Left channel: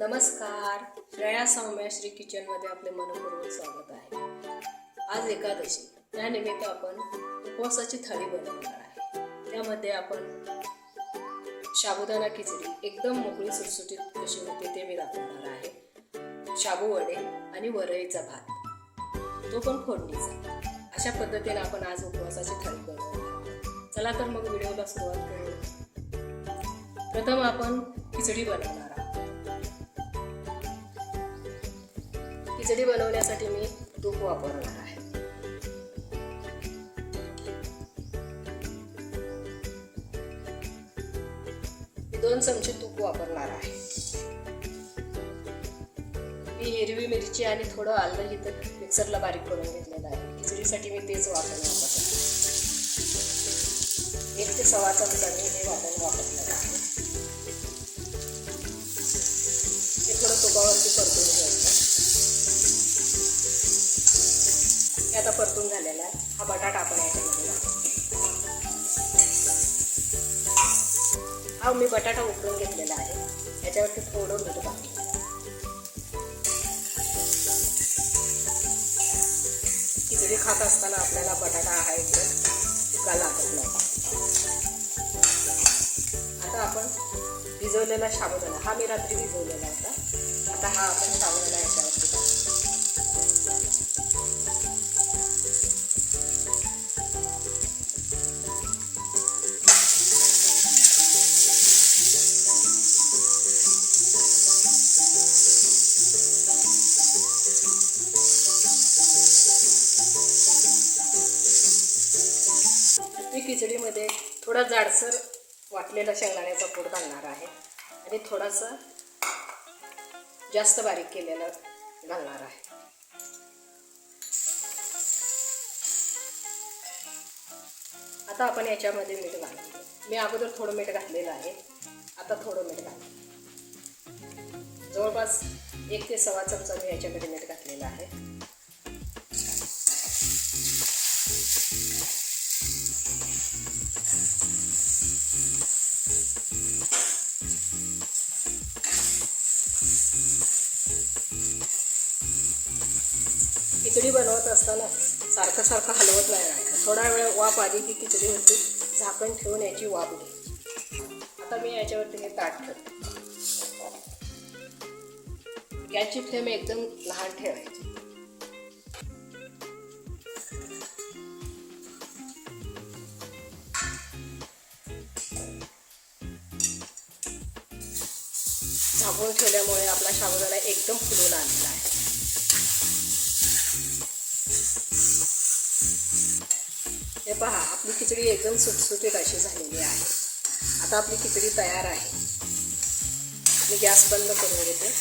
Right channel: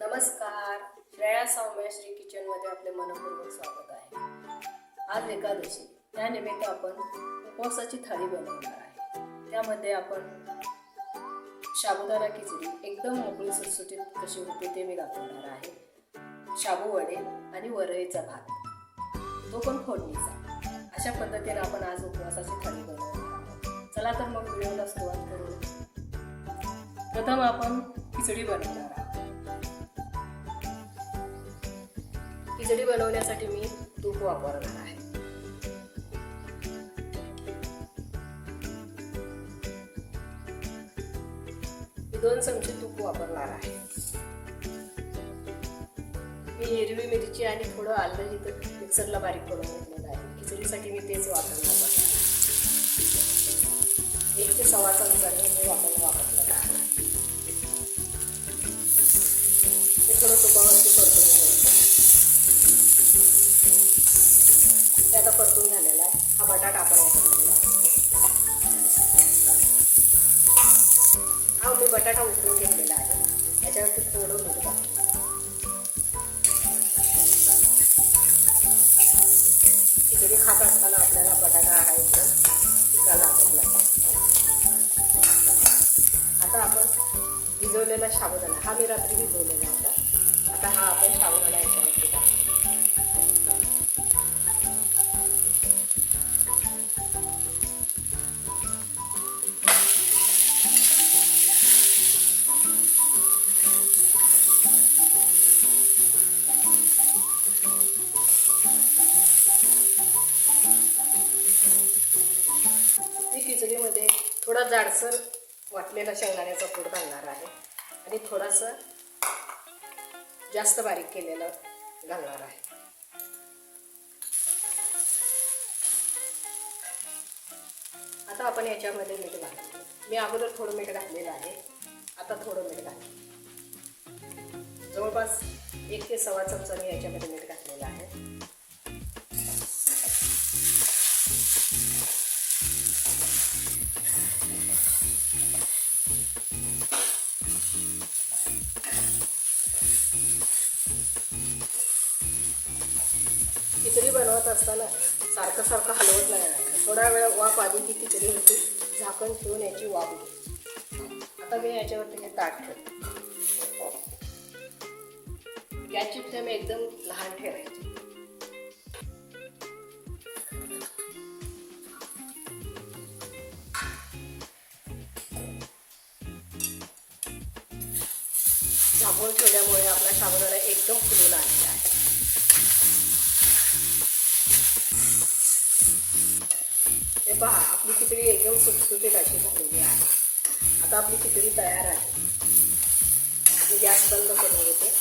नमस्कार. रया सौम्या श्री किचनमध्ये आपले मनपूर्वक स्वागत आहे. आज एकादशी. त्यानिमित्त आपण उपवासाची थाळी बनवणार आहे. त्यामध्ये आपण साबुदाणा खिचडी एकदम मोकळी सुटसुटीत कशी होते ते मी दाखवणार आहे. शाबू वडे आणि वरईचा भात. तो पण फोडणीचा. अशा पद्धतीने आपण आज उपवासाची थाळी बनवणार चला तर मग व्हिडिओला सुरुवात करू प्रथम आपण खिचडी बनवणार खिचडी बनवण्यासाठी मी तूप वापरणार आहे. दोन चमचे तूप वापरणार आहे. मी हिरवी मिरची आणि थोडं आलं इथं मिक्सरला बारीक करून घेतलेलं आहे. खिचडीसाठी मी तेच वापरणार आहे. एक ते सव्वा चमचा मी हे वापरून वापरलेलं आहे. ते थोडं तुपावरती परतून घ्यायचं ते आता परतून झालेला आहे. हा बटाटा आपण याच्यामध्ये हा मी बटाटा उकळून घेतलेला आहे. याच्यावरती थोडं मीठ टाकतो खिचडी खात असताना आपल्याला बटाटा हा एकदम पिकाला लागत आता आपण भिजवलेला साबुदाणा हा मी रात्री भिजवलेला होता. आता हा आपण साबुदाणा याच्यावरती खिचडीमध्ये थोडा जाडसर वाटलेला शेंगदाण्याचा पूड घालणार आहे. आणि थोडासा जास्त बारीक केलेला घालणार आहे. आता आपण याच्यामध्ये मीठ घालतो मी अगोदर थोडं मीठ घातलेलं आहे. आता थोडं मीठ घाल. जवळपास एक ते सव्वा चमचा मी याच्यामध्ये मीठ घातलेलं आहे. असताना सारखं सारखं हलवत नाही थोडा वेळ वाफ आली की खिचडी होती झाकण ठेवून याची वाफ घे. आता मी याच्यावरती हे ताट ठेवते. गॅसची फ्लेम एकदम लहान ठेवायची. झाकून ठेवल्यामुळे आपला साबुदाणा एकदम फुलून आलेला आहे. हे पहा आपली खिचडी एकदम सुटसुटीत अशी झालेली आहे. आता आपली खिचडी तयार आहे. मी गॅस बंद करून घेते.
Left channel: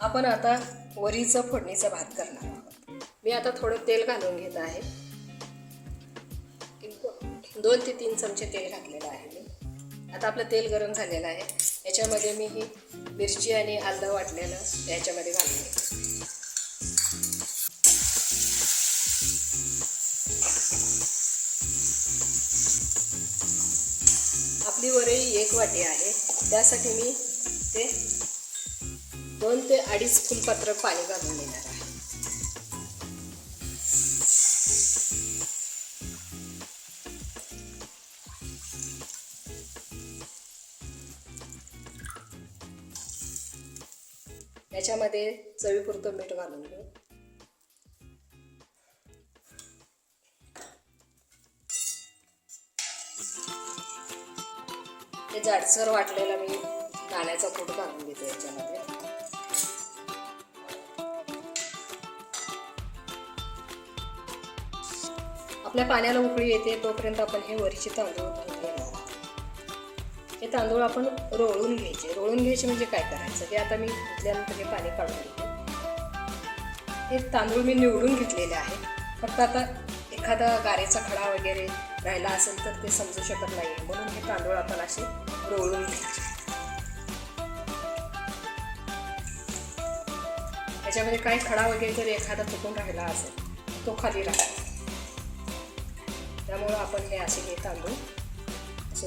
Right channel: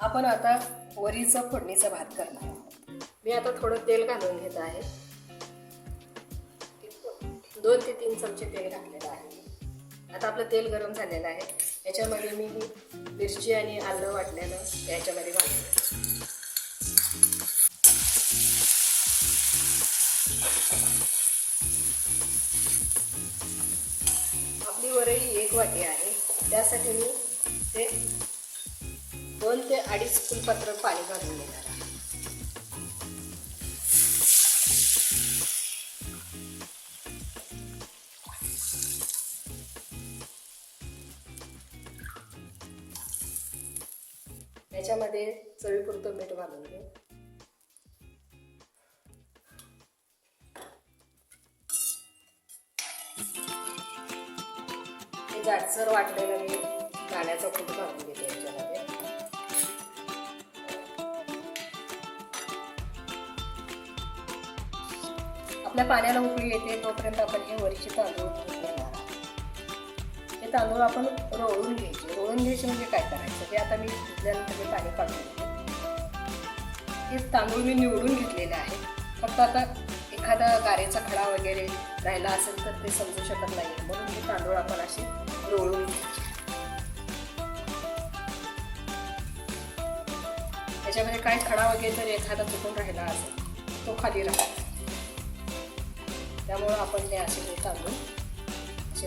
आपण आता वरीचा फोडणीचा भात करणार आहोत. मी आता थोडं तेल घालून घेत आहे. दोन ते तीन चमचे तेल घातलेलं आहे मी. आता आपलं तेल गरम झालेलं आहे. याच्यामध्ये मी ही मिरची आणि आलं वाटलेलं याच्यामध्ये घालून वरई एक वाटी आहे. त्यासाठी मी ते दोन ते अडीच फुलपात्र पाणी घालून घेणार आहे. याच्यामध्ये चवीपुरतं मीठ घालून घेऊ. हे जाडसर वाटलेला मी पाण्याचा कूट घालून घेते याच्यामध्ये. आपल्या पाण्याला उकळी येते तोपर्यंत आपण हे वरीचे तांदूळ घेणार हे तांदूळ आपण रोळून घ्यायचे. रोळून घ्यायचे म्हणजे काय करायचं? ते आता मी धुतल्यानंतर हे पाणी काढून घेते. हे तांदूळ मी निवडून घेतलेले आहे. फक्त आता एखादा गारेचा खडा वगैरे राहिला असेल तर ते समजू शकत नाही. म्हणून हे तांदूळ आपण असे रोळून त्याच्यामध्ये काही खडा वगैरे जर एखादा चुकून राहिला असेल तो खाली राहतो त्यामुळं आपण हे असे हे तांदूळ असे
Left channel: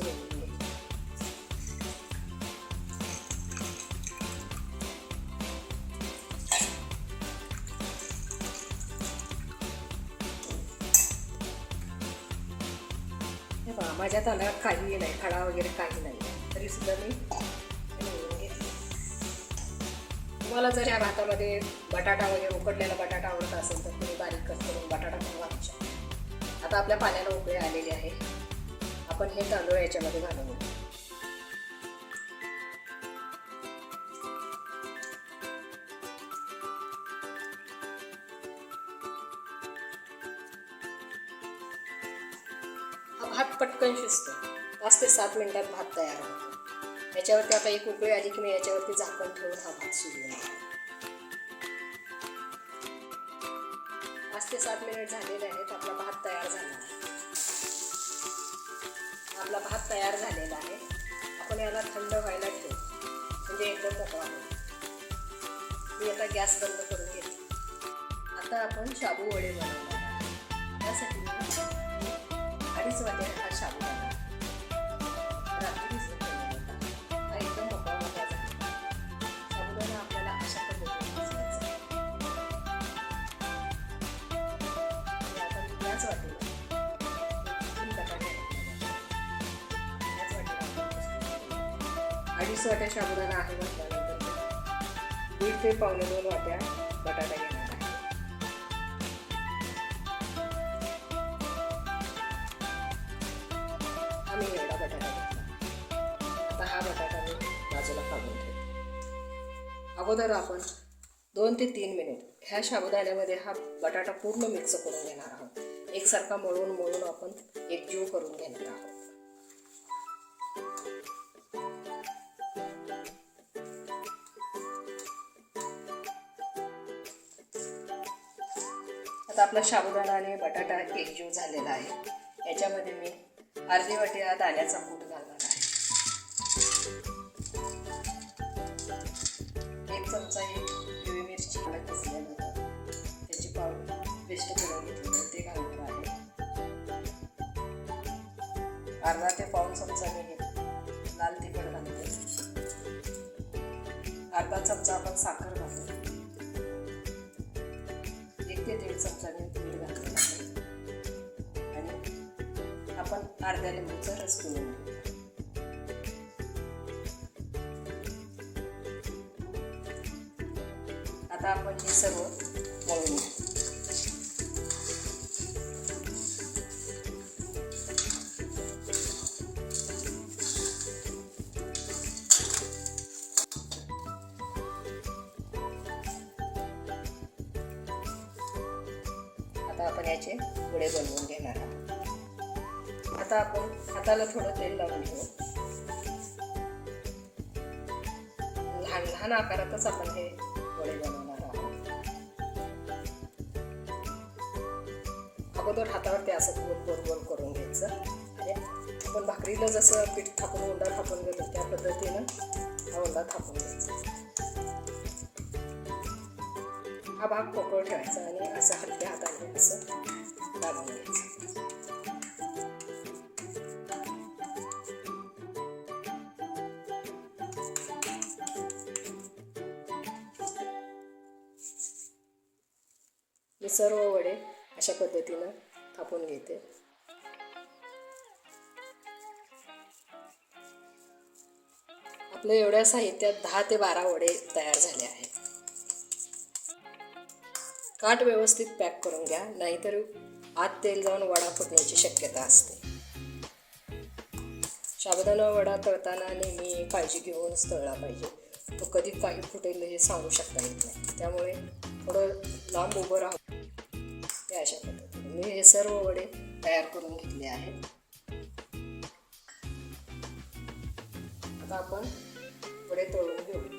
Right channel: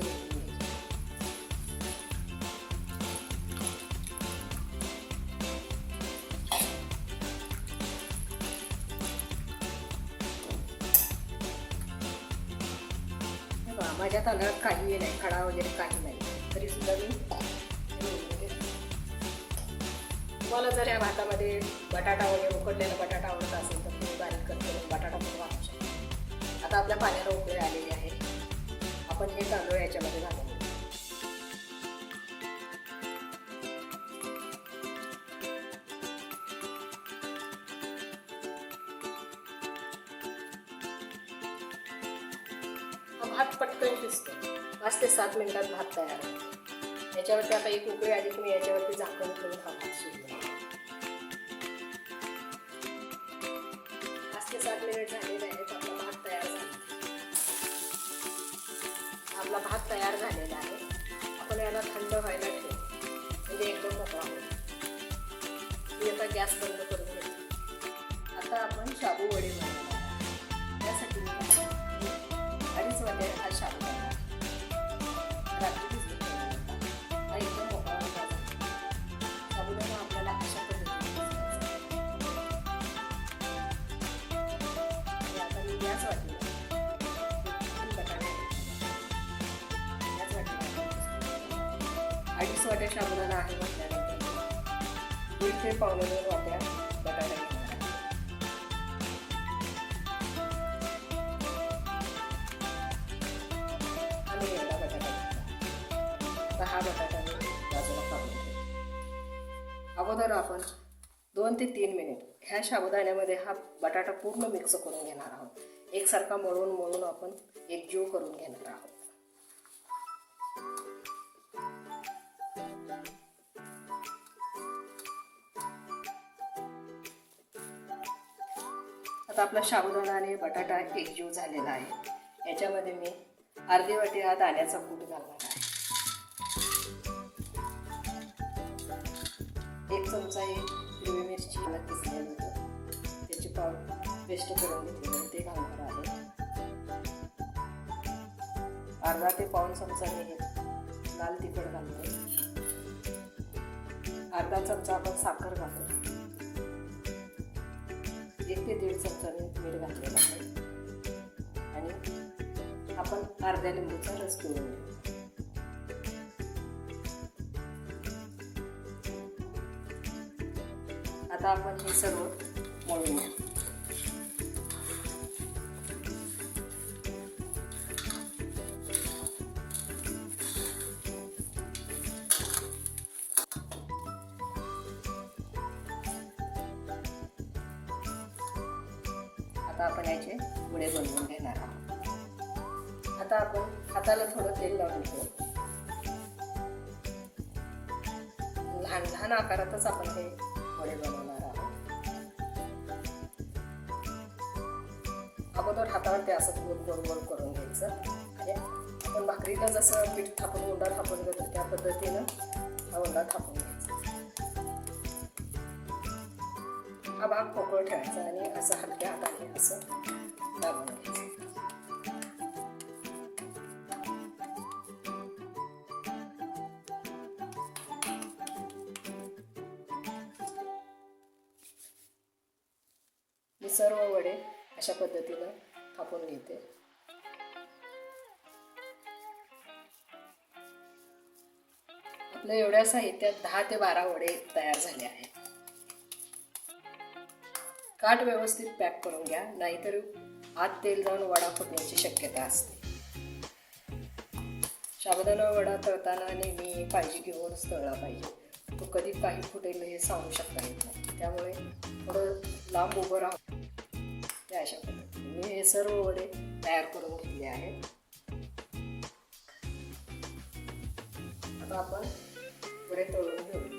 माझ्या तांदळात काही नाही. खडा वगैरे काही नाही. तरी सुद्धा मी निवडून तुम्हाला जर या भातामध्ये बटाटा वगैरे उकडलेला बटाटा आवडत असेल तर तुम्ही बारीक करून बटाटा पण वापरू शकता. आता आपल्या पाण्याला उकळे आलेली आहे. आपण हे तांदूळ याच्यामध्ये घालून पटकन शिजतो. पाच ते सात मिनटात भात तयार होतो. याच्यावरती आता एक उकळी आली की मी याच्यावरती झाकण ठेवून हा भात शिजवून पाच ते सात मिनिट झालेले आहेत आपला भात तयार झाला. आपला भात तयार झालेला आहे. आपण याला थंड व्हायला ठेवू. म्हणजे एकदम मोकळा मी आता गॅस बंद करून घेतो. आता आपण शाबू वडे अडीच वाट्या साबुदाणा आहे म्हटल्यानंतर दीड ते पावणे दोन वाट्या बटाटा घेणार आहे. आणि बटाटा घेतला. आता हा बटाटा मी बाजूला काढून ठेवतो. अगोदर आपण दोन ते तीन मिनिट ह्या साबुदाण्यामध्ये हा बटाटा पूर्ण मिक्स करून घेणार आहोत. एकसारखा मळून मळून आपण एकजीव करून घेणार आहोत. आता आपला साबुदाणा आणि बटाटा एकजीव झालेला आहे. याच्यामध्ये मी अर्धी वाटी हा दाण्याचा कूट घालणार आहे. एक चमचा हिरवी मिरची मला किसलेलं होतं. त्याची पाव पेस्ट करून घेतली ते घालणार आहे. अर्धा ते पाऊन चमचा मी लाल तिखट घालणार आहे. अर्धा चमचा आपण साखर अर्ध्या लिंबूचा रस पिळून आता आपण हे सर्व मळून आता आपण याचे पुढे बनवून घेणार आहोत आता आपण हाताला थोडं तेल लावून घेऊ. लहान लहान आकारातच आपण हे वडे बनवणार आहोत. अगोदर हातावर ते असं गोल गोल गोल करून घ्यायचं. आणि आपण भाकरीला जसं पीठ थापून उंडा थापून घेतो त्या पद्धतीनं हा उंडा थापून घ्यायचा. हा भाग पोकळ ठेवायचा आणि असं हलक्या हाताने असं दाबून घ्यायचं. सर्व वडे अशा पद्धतीनं थापून घेते. आपल्या एवढ्या साहित्यात दहा ते बारा वडे तयार झाले आहेत. काठ व्यवस्थित पॅक करून घ्या नाहीतर आत तेल जाऊन वडा फुटण्याची शक्यता असते. साबुदाणा वडा तळताना नेहमी काळजी घेऊनच तळला पाहिजे. तो कधी काही फुटेल हे सांगू शकता येत नाही. त्यामुळे थोडं लांब उभं राहू अशा पद्धतीने. मी हे सर्व वडे तयार करून घेतले आहेत. आता आपण वडे तळून घेऊ.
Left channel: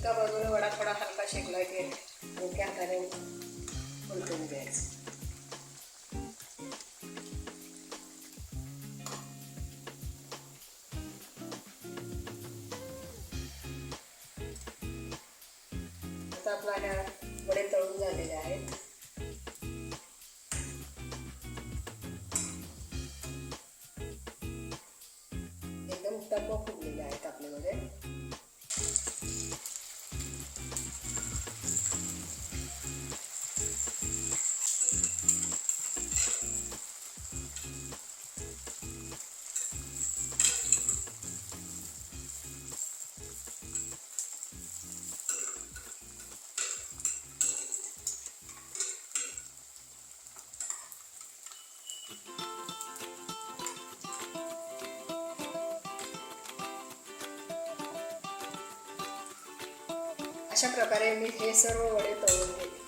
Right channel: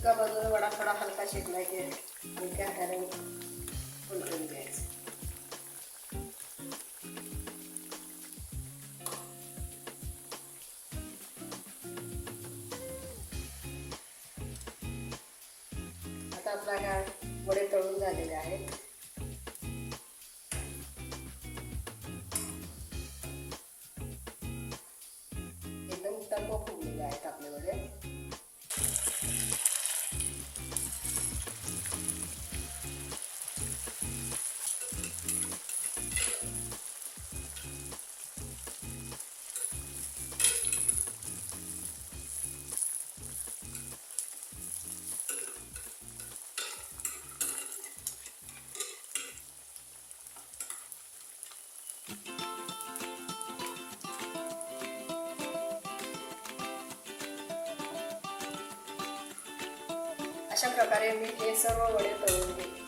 एका बाजूला वडा थोडा हलका शेकला की मोठ्या हाताने उलटून द्यायचं आता आपल्या वडे तळून झालेले आहेत. अशा प्रकारे मी हे सर्व वडे तळून घेते.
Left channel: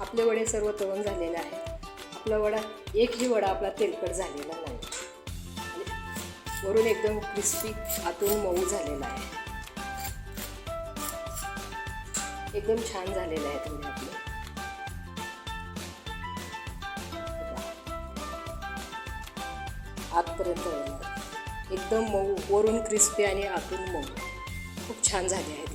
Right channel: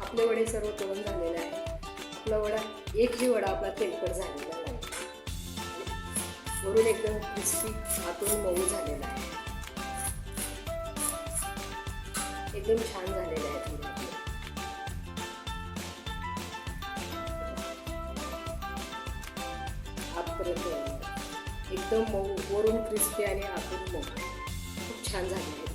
आपले वडे सर्व तळून झालेले आहे आपला वडा एकही वडा आपला तेलकट झालेला नाही. वरून एकदम क्रिस्पी आतून मऊ झालेला आहे. एकदम छान झालेला आहे. तुम्ही आपले एकदम मऊ वरून क्रिस्पी आणि आतून मऊ. खूप छान झाले आहेत.